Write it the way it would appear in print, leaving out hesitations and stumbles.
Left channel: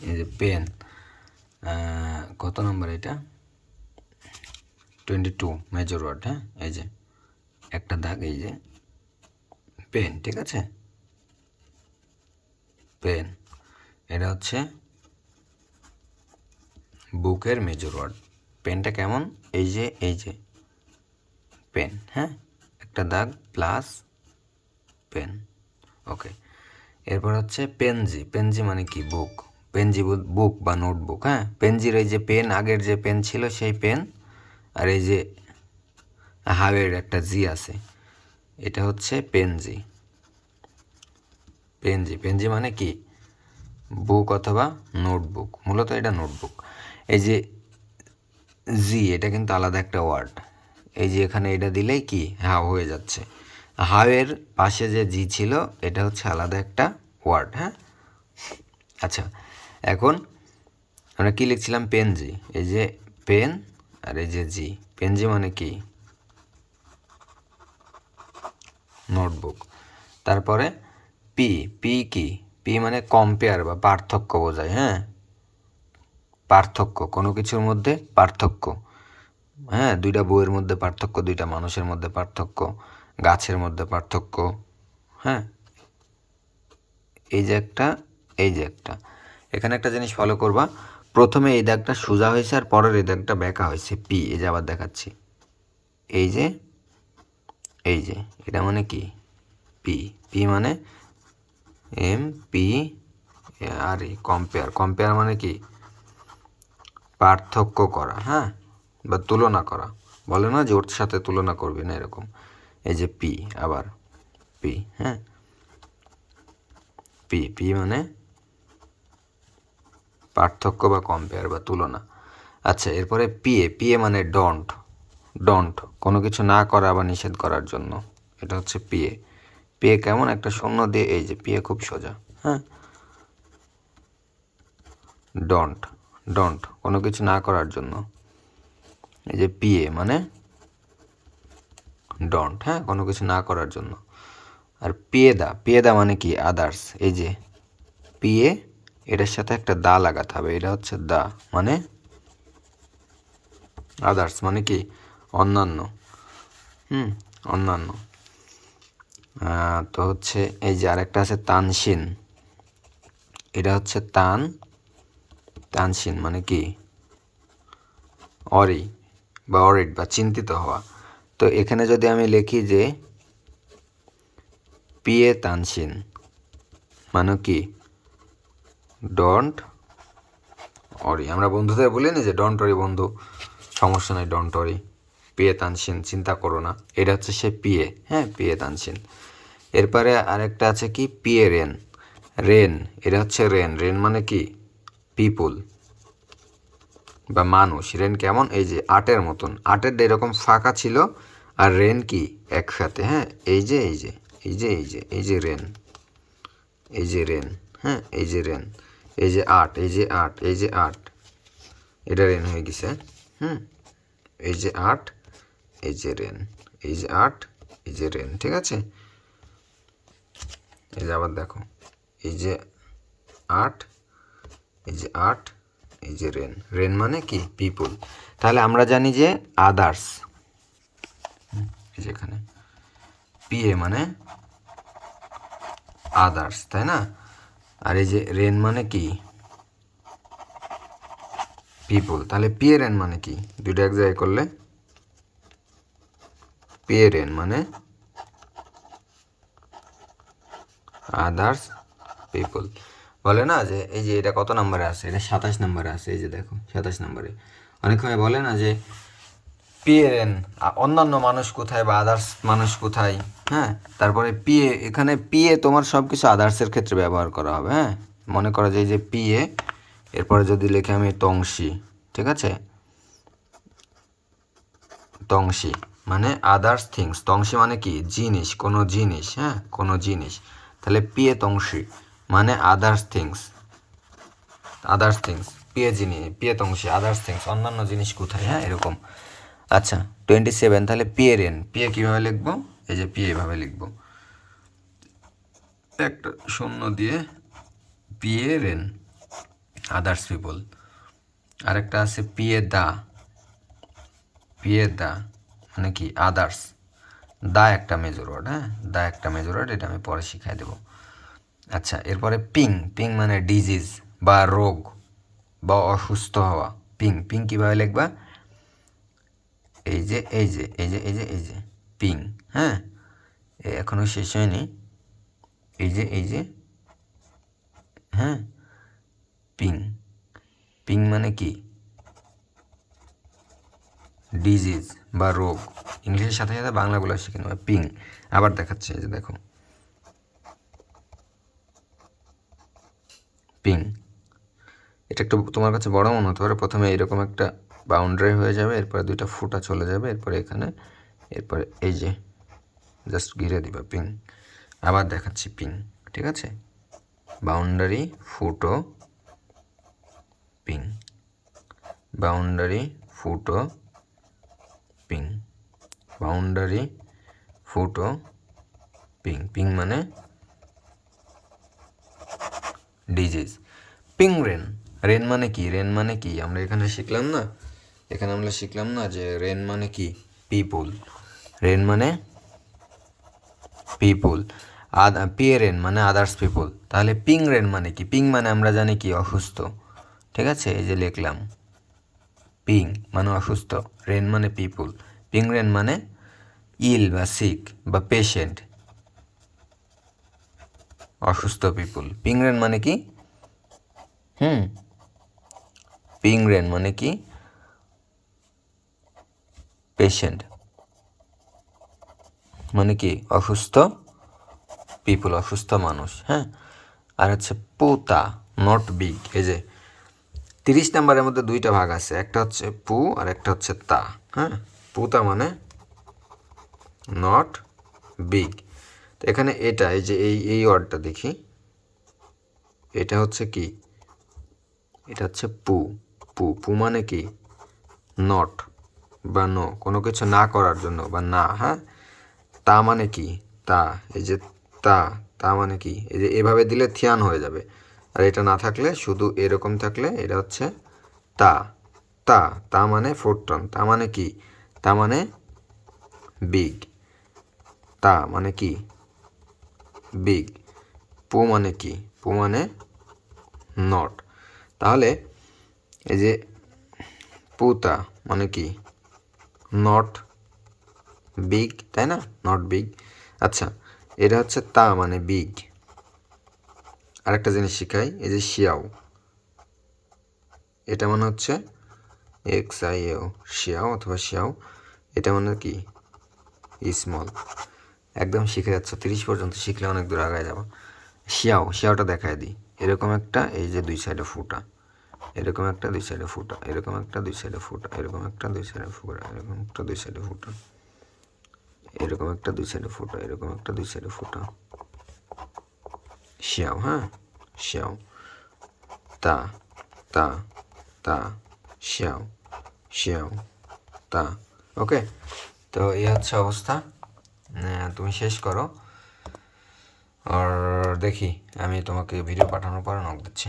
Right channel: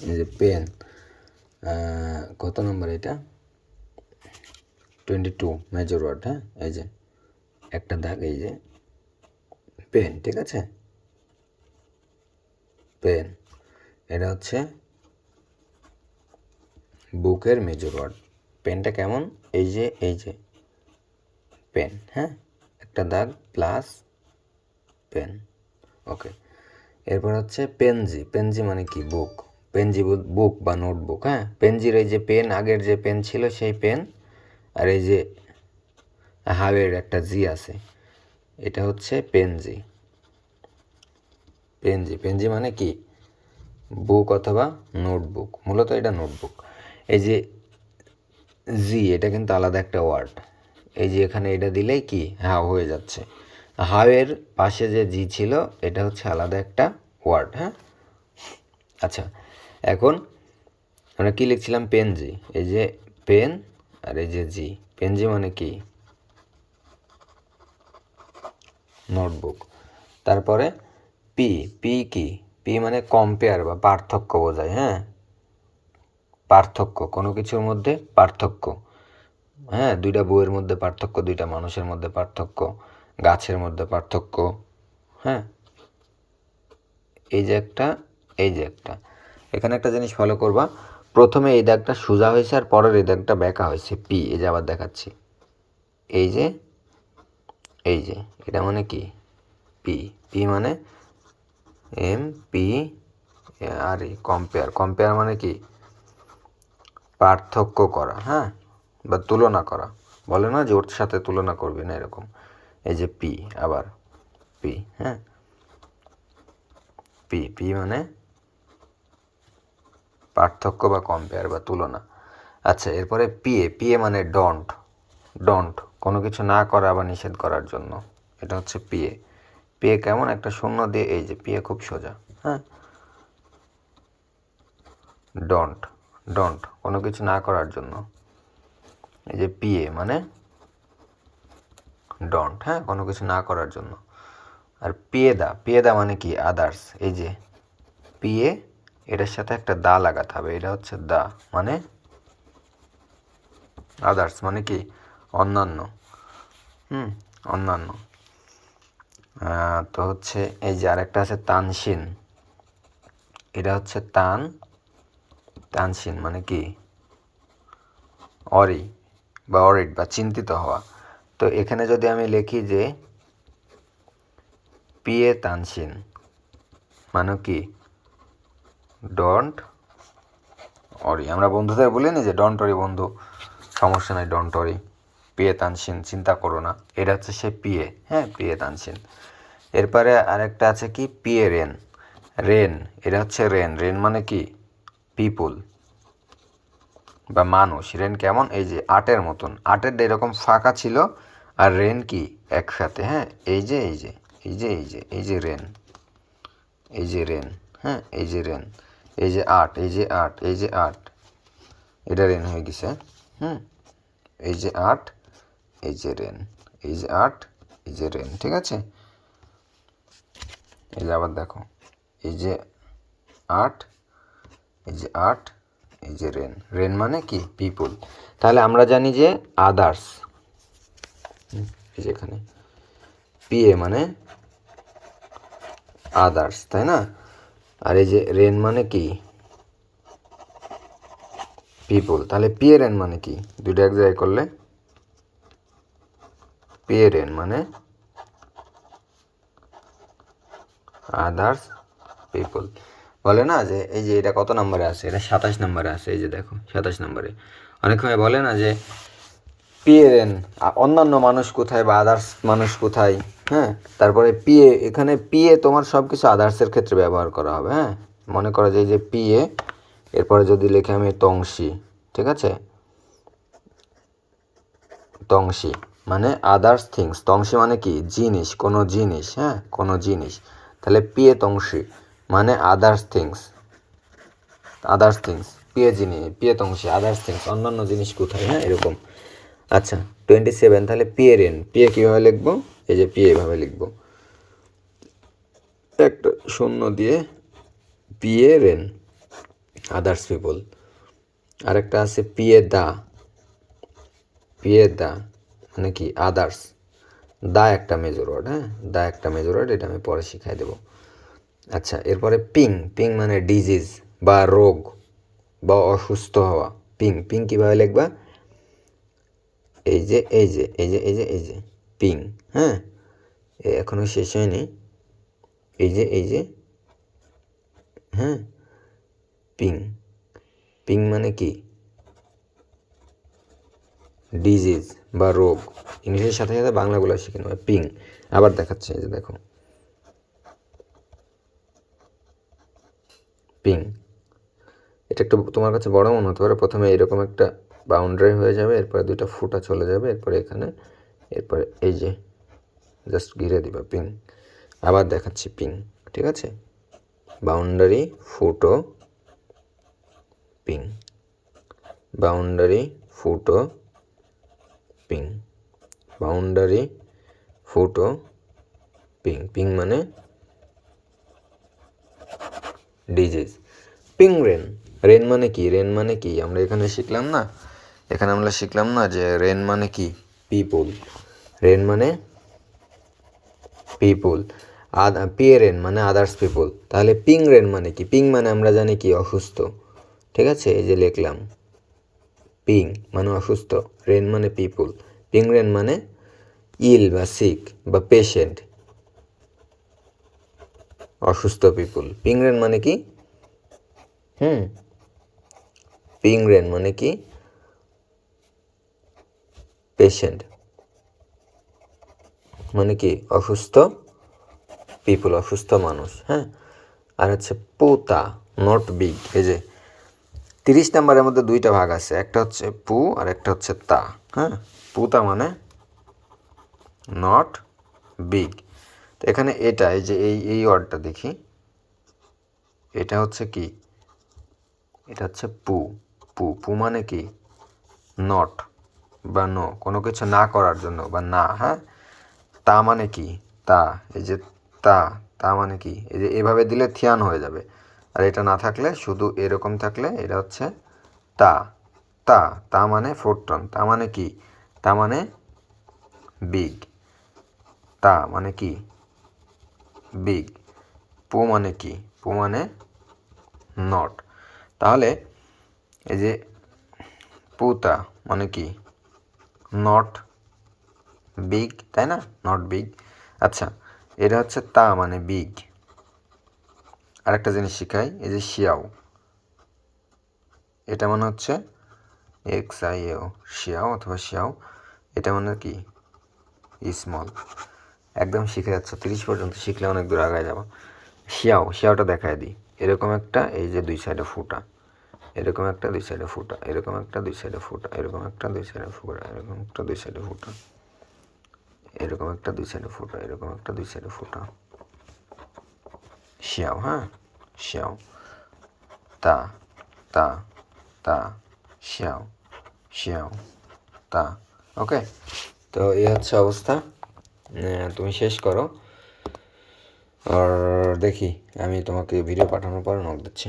এই যে পেন, কত নম্বর এটা, 22 মেজর ওয়ার্ড। হ্যাঁ, এই যে একটা দাগ, এই যে পেন, ঠিক আছে, পেন। এটা হচ্ছে বুকের মেজর ওয়ার্ড। পেনটা কেমন, এই যে পেন, হ্যাঁ, একটা দাগ প্লাস পেন। ওকে, এরপর হচ্ছে পেনজি। পেনজি মানে কি, বুক। পেনজি বুক বা নোটবুক। হ্যাঁ, পেনজির এই যে পেন, আগের যে পেন ছিল সেই পেন, আর এই যে হাওয়ের একটা জি আছে, এটা হচ্ছে পেনজি। পেনজি, পেনজি মানে কি, বুক অথবা নোটবুক। মূলত এটা নোটবুক। এই যে জি, এটা কিন্তু আলাদা একটা ওয়ার্ড। এই যে এখানে এটা দিলেই কি হাও হয়ে যাচ্ছে। হাওয়ের পাশে যে জি ছিল, এটা হচ্ছে আলাদা একটা ওয়ার্ড। হ্যাঁ, আচ্ছা, এখন আমরা কি লিখছিলাম, পেনজি। এই যে পেন আর এই যে জি, পেনজি মানে কি, নোটবুক। তারপরে পি, পি কি, পি মানে কম্পেয়ার বা পার্থক্য বোঝায়। হ্যাঁ, পার্থক্য, কোনো কিছুর মধ্যে পার্থক্য। হ্যাঁ, দুইটা বইয়ের মধ্যে পার্থক্য, দুইটা মানুষের মধ্যে পার্থক্য, গাছের মধ্যে পার্থক্য। হ্যাঁ, এই যে একটা, এই যে একটা, এখানে একটা জিনিস ফলো করবা, প্রথমে এই দাগটা সোজা হয়েছে আর পরের এই দাগটা বেঁকা হয়েছে, পি। এই যে আবার দেখাচ্ছি, এই যে, এই যে, এটা মানে কি, পি। পি মানে এম পি আর ই, কম্পেয়ার। কম্পেয়ার মানে কি, পার্থক্য করা। হ্যাঁ, বা তুলনা করা। বলে না যে ওর সাথে তুলনা করবি না, এরকম। এই যে পি, আবার পি। হ্যাঁ, পি, পি মানে পার্থক্য বা কম্পেয়ার বা তুলনা। আচ্ছা, এরপরে পিএ। পিএ মানে ডন্ট। ডন্ট, কোনো কিছু না করা বা নিষেধ করার জন্য, এটা হচ্ছে পিএ। পিএ কেমন, একটা শূন্য দিয়ে, এই যে পিএ খুব সোজা। হ্যাঁ, ডন্ট, ডন্ট কোনো কিছু না করার জন্য, এই যে পিএ মানে ডন্ট। হ্যাঁ, কোনো কিছু না করার জন্য। আর পিয়েদা, পিয়েদা মানে কি, আদার্স। এই যে পিএ, এটার সাথে একটা দা লাগাতে হবে, এটা হচ্ছে দা মানে আদার্স, মানে কি, অন্যান্য। অন্যান্য। তো হচ্ছে এই যে আরেকটা আছে তানসিন, এটা হচ্ছে তানসিন মানে কি, অরি বা অরিড বা চিন্তিত হওয়া। তো এখানে যদি আমি লিখি যে পিএ তানসিন মানে কি, ডন্ট অরি। আমরা বন্ধুদের বলি না যে ডন্ট অরি বন্ধু, সমস্যা নাই, ডন্ট অরি, পিএ তানসিন, চিন্তা করো না। এটা হচ্ছে সে পিএ। হ্যাঁ, পিএ তানসিন। এরপরে আরেকটা আছে কি, পিএ রেন। রেন, এটা হচ্ছে রেন। রেন মানে কি, পিপুল বা মানুষ। রেন কেমন, এই যে আটের মতন, আটের এরকম ফাঁকা ছিল, আর রেন কি একসাথে। হ্যাঁ, এই যে এই যে এই যে এই যে এই যে রেন, এই যে রেন। হ্যাঁ, এই যে রেন, এই যে আট, এই যে আট, এই যে আট, এটা রেন হয়ে গেছে। এই যে আট, এই যে রেন, এই যে আট, এই যে রেন, ঠিক আছে। এই যে আবার দেখো, এই যে আট, এই যে আট, এই যে রেন। রেন মানে কি, পিপুল। তাহলে আমরা জানি যে আদার্স, এই যে এখানে পিএ মানে আদার্স, তাই না। আর এই যে রেন মানে কি, পিপুল। তাহলে পিএ রেন মানে কি, দুইটা এক জায়গায় করলে পিএ রেন মানে আদার্স পিপুল। বলে না যে এই যে এটা কত নম্বরে আছে, এটা 27 নম্বরে আছে। এই যে দেখো 27 নম্বরে। অনেক সময় বলে না যে পিএন, অন্যান্য মানুষ কোথায় বা আদার্স মানুষ কোথায়। হ্যাঁ, তারপরে পিএ, এখানে পিএ তোমার সব কিছু আদার্সের ক্ষেত্রে ব্যবহার করা হবে। হ্যাঁ, মনে করা যায় যে পিএ, এরপরে যদি লিখে আমি তংশি, ঠিক আছে, তংশি মানে আদার্স থিংস। তংশি মানে কি, জিনিস, কোনো জিনিস। হ্যাঁ, কোনো জিনিস। তাহলে পিএ তংশি মানে others things, others things. PA জিনিস, পিএ তংশি, আদার্স থিংস, অন্যান্য জিনিস কোথায়। হ্যাঁ, এরকম। আচ্ছা, 27। তাহলে পিএ রেন, পিএ কীভাবে লিখবো, এই যে পিএ এভাবে লিখবো, একটা শূন্য দিয়ে পিএ রেন। Others people. আরেকটা আছে পিয়ে দা, পিয়ে দা মানে কি আদার্স, দা একটা মেজর ওয়ার্ড, হ্যাঁ দা একটা মেজর ওয়ার্ড, এটা আমি পরে শিখাই দেবো। আচ্ছা এরপরে পিং, পিং মানে ডিজিজ বা রোগ বা অসুস্থ হওয়া। পিং, পিং কীভাবে লিখবা, এই যে এই যে এই যে এই যে এই যে পিং, হ্যাঁ এখনও শেষ হয়নি, এই যে এই যে, হ্যাঁ পিং, পিং মানে কি ডিজিজ বা রোগ, ইংলিশের সাথে সাথে বাংলাগুলো শিখে নেবে। পিং আবার দেখাচ্ছে, এই যে দেখো পিং। এটা একটু তোমার কাছে বড় মনে হতে পারে, প্রথমে এরকম একটা বাউন্ডারি হয়ে যাবে, এরপরে দুইটা ফুটা চলে যাবে, এরপরে এখানে, এরপরে এই যে জাস্ট ঘিরে দিবা পিং। আবার দেখাচ্ছি পিং, ঠিক আছে, বাউন্ডারি ফুটো পিং, বাউন্ডারি ফুটো পিং, বাউন্ডারি ফুটো পিং। পিং মানে ডিজিজ। পিং রেন, রেন মানে কি, রেন মানে কি আমরা এখানে শিখলাম না, এখানে আমরা শিখলাম না যে রেন মানে কি পিপুল, রেন মানে পিপুল, পিয়ে রেন মানে আদার্স পিপুল। তাহলে পিং রেন মানে কি, পিং মানে আমরা জানি কি অসুস্থ, ঠিক আছে, এই যে লিখলাম পিং মানে অসুস্থ, রেন মানে পিপুল, পিং রেন মানে ইল বা সিক বা পেশেন্ট, অসুস্থ পিপুল। পিং রেন মানে কি, পিং রেন মানে কি পেশেন্ট, মানে কি অসুস্থ পিপুল, অসুস্থ মানুষ, হ্যাঁ। আর হচ্ছে পুতা, নট বিগ, এই যে 30 নাম্বারের মধ্যে দুইটা ভাগ আছে, একটা হচ্ছে পু আর একটা হচ্ছে তা, হ্যাঁ। পুতা মানে নট বিগ। তো এখানে এটা এই যে এই ওয়ার্ডটা দেখি, এটা হচ্ছে কি, এটা হচ্ছে পু, পু, পু মানে কি নট বা নো, কোনো কিছু না করার জন্য বা না, হ্যাঁ। তা মানে কি তা, এই যে তা, তা মানে কি, এই যে এভাবে দিলে থিয়ান হয়ে যাবে, আর এটা না থাকলে শুধু এরকম থাকলে এটা হচ্ছে তা, তা, তা মানে ফোরটন, তা মানে কি, তা মানে বিগ, তা মানে কি বিগ। পু মানে কি, পু মানে নট। তাহলে এই যে পুতা মানে কি নট বিগ, তাই না, নট বিগ। আচ্ছা এটা হচ্ছে তা মানে বিগ। আরেকটা জিনিস শিখাই, এই যে শিয়াও, এটা মানে হচ্ছে XIO, শিয়াও অথবা শিয়াও, এটা মানে কি স্মল। একদম শিখে যাচ্ছ, 30 পর্যন্ত শিখলে অনেক দূর আগায় যাবো। শিয়াও, শিয়াওটা দেখায় দিই, এরকম একটা, এই যে দুই সাইডে ফুটা, এরকম একটা দুই সাইডে ফুটা, এরকম একটা দুই সাইডে ফুটা, এরকম একটা দুই সাইডে ফুটা, এরকম একটা দুই সাইডে ফুটা, এরকম একটা দুই সাইডে ফুটা, এরকম একটা দুই সাইডে ফুটা, শিয়াও, হ্যাঁ শিয়াও, তা, তা, তা, শিয়াও, শিয়াও, তা। ওকে, তো এই হচ্ছে অবস্থা, তুমি শেষ করো, আর দেখি আমি তোমাকে ভিডিও পাঠানোর পর নক দিচ্ছি।